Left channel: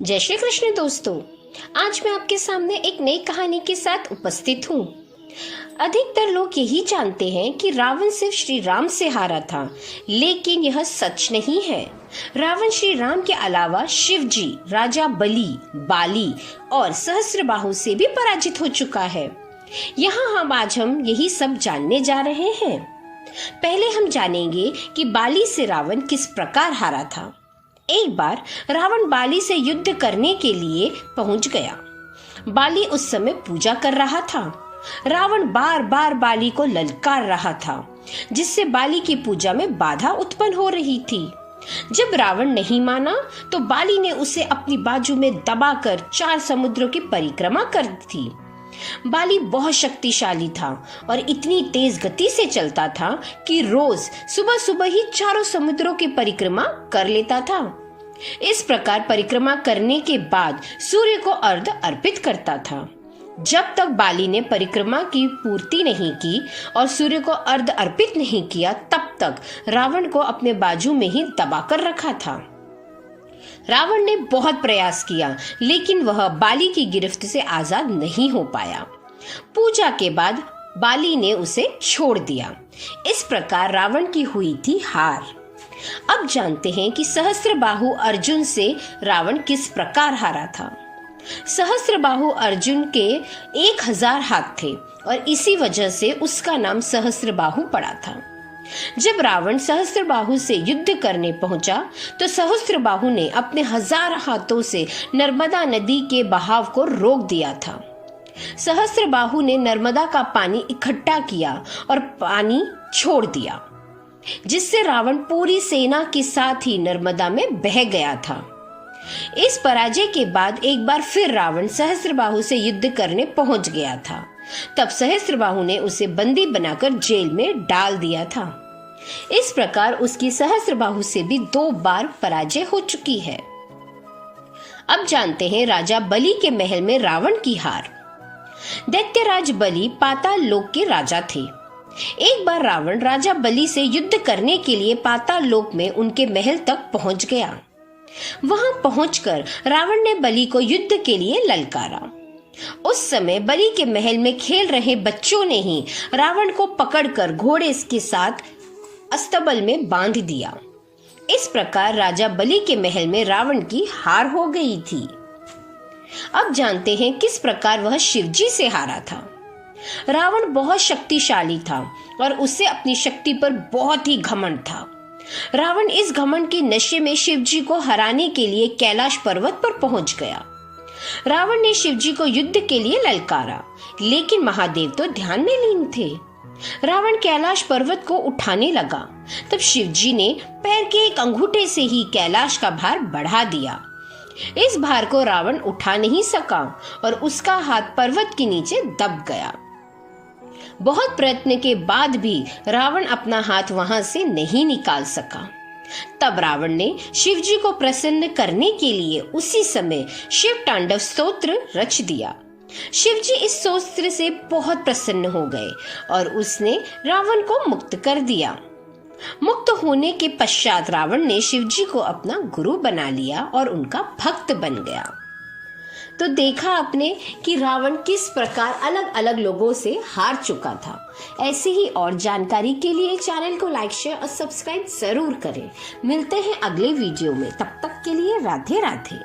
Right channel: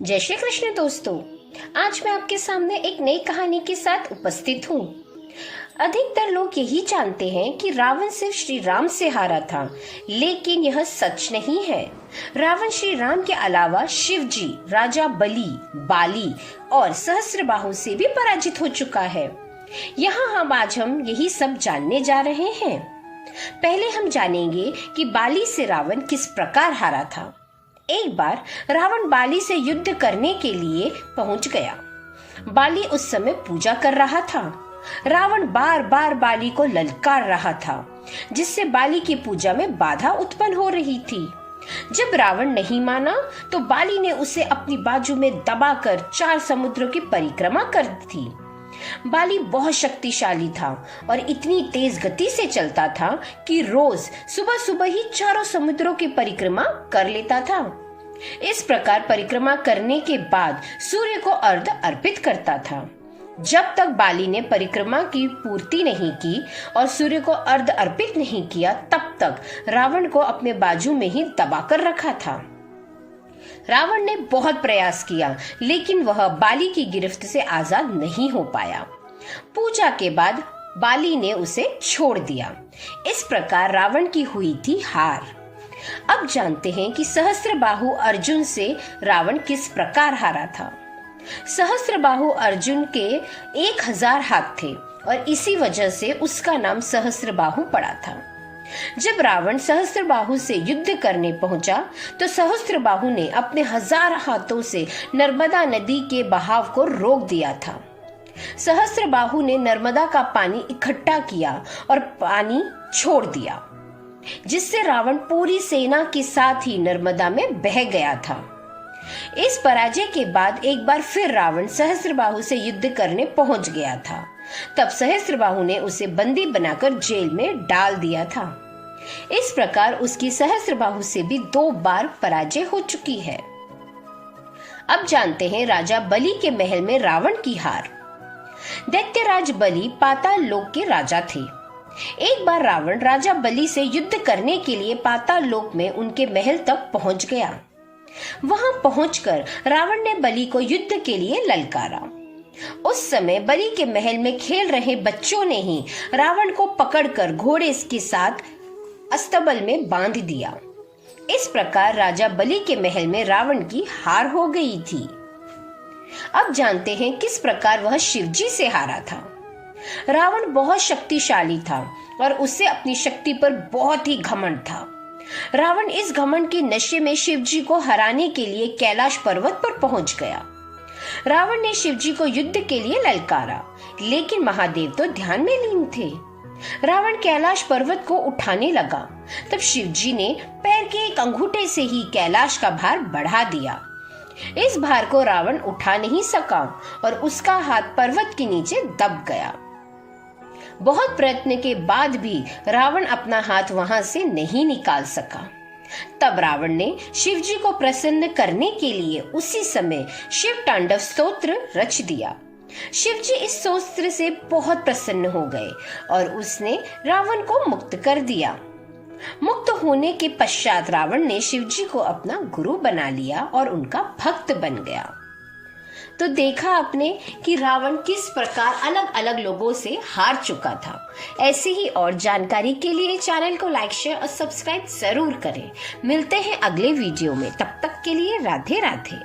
जय श्री कृष्ण दोस्तों, आज मैं आपके सामने एक नई कहानी के साथ उपस्थित हूँ। अधिकतर लोग यही जानते हैं कि रावण सिर्फ श्री राम से हारा था, लेकिन यह सच नहीं है। रावण श्री राम के अलावा शिव जी, राजा बलि, बाली और सहस्त्रबाहु से भी पराजित हो चुका है। यहाँ आज हम यही सब जानने जा रहे हैं। पहले हम जानेंगे कि बाली से रावण किस प्रकार हारा था। एक बार रावण बाली से युद्ध करने के लिए पहुंच गया। बाली उस समय पूजा कर रहा था। रावण बार बार बाली को ललकार रहा था, जिससे बाली की पूजा में बाधा उत्पन्न हो रही थी। जब रावण नहीं माना तो बाली ने उसे अपनी बाजू में दबाकर 4 समुद्रों की परिक्रमा कर दी थी। बाली बहुत शक्तिशाली था और इतनी तेज गति से चलता था कि रोज सुबह सुबह ही 4 समुद्रों की परिक्रमा कर लेता था। इस प्रकार परिक्रमा करने के बाद सूर्य को अर्घ्य अर्पित करता था। जब तक बाली ने परिक्रमा की पूर्ति नहीं की और सूर्य को अर्घ्य अर्पित नहीं किया, तब तक रावण को अपने बाजू में ही दबाकर रखा था। रावण ने बहुत प्रयास किया, लेकिन वह बाली की गिरफ्त से आजाद नहीं हो पाया। पूजा के बाद बाली ने उसे छोड़ दिया। इस प्रकार रावण की हुई थी हार। अब जानते हैं कि सहस्त्रबाहु अर्जुन से रावण किस प्रकार हारा था। सहस्त्रबाहु अर्जुन के 1000 हाथ थे और इसी वजह से उसका नाम सहस्त्रबाहु पड़ा था। जब रावण सहस्त्रबाहु से युद्ध करने पहुंचा तो सहस्त्रबाहु ने अपने 1000 हाथों से नर्मदा नदी के बहाव को रोक दिया था। सहस्त्रबाहु ने नर्मदा का पानी इकट्ठा किया और पानी छोड़ दिया, जिससे रावण पूरी सेना के साथ ही नर्मदा में बह गया था। इस पराजय के बाद एक बार फिर रावण सहस्त्रबाहु से युद्ध करने पहुंच गया था। तब सहस्त्रबाहु ने उसे बंदी बनाकर जेल में डाल दिया था। इस प्रकार उसकी सहस्त्रबाहु से भी 2 बार पराजय हो चुकी है। अब जानते हैं राजा बलि के महल में रावण की हार। दैत्यराज बलि पाताल लोक के राजा थे। एक बार रावण राजा बलि से युद्ध करने के लिए पाताल लोक में उनके महल तक पहुंच गया। वहां पहुंचकर रावण ने बलि को युद्ध के लिए ललकारा। उस समय बलि के महल में खेल रहे बच्चों ने ही रावण को पकड़कर घोड़े के साथ अस्तबल में बांध दिया। इस प्रकार राजा बलि के महल में रावण की हार हो गई थी। अब जानते हैं किस प्रकार वह शिवजी से हारा था। रावण बहुत शक्तिशाली था और उसे अपनी शक्ति पर बहुत ही घमंड था। रावण इस घमंड के नशे में शिवजी को हराने के लिए कैलाश पर्वत पर पहुंच गया। रावण ने शिवजी को युद्ध के लिए ललकारा, लेकिन महादेव तो ध्यान में लीन थे। रावण कैलाश पर्वत को उठाने लगा, तब शिवजी ने पैर के एक अंगूठे से ही कैलाश का भार बढ़ा दिया। इस भार को रावण उठा नहीं सका और उसका हाथ पर्वत के नीचे दब गया। बहुत प्रयत्न के बाद भी रावण अपना हाथ वहां से नहीं निकाल सका। तब रावण ने शिवजी को प्रसन्न करने के लिए उसी समय शिव तांडव स्तोत्र रच दिया। शिवजी इस स्तोत्र से बहुत प्रसन्न हो गए और उसने रावण को मुक्त कर दिया। मुक्त होने के पश्चात रावण ने शिवजी को अपना गुरु बना लिया और उनका भक्त बन गया। तो देखा आपने कि रावण किस प्रकार अलग अलग लोगों से हार चुका था। ऐसे ही और जानकारी के लिए चैनल को लाइक, शेयर और सब्सक्राइब जरूर करें। मिलते हैं अगले वीडियो में, तब तक के लिए राधे राधे।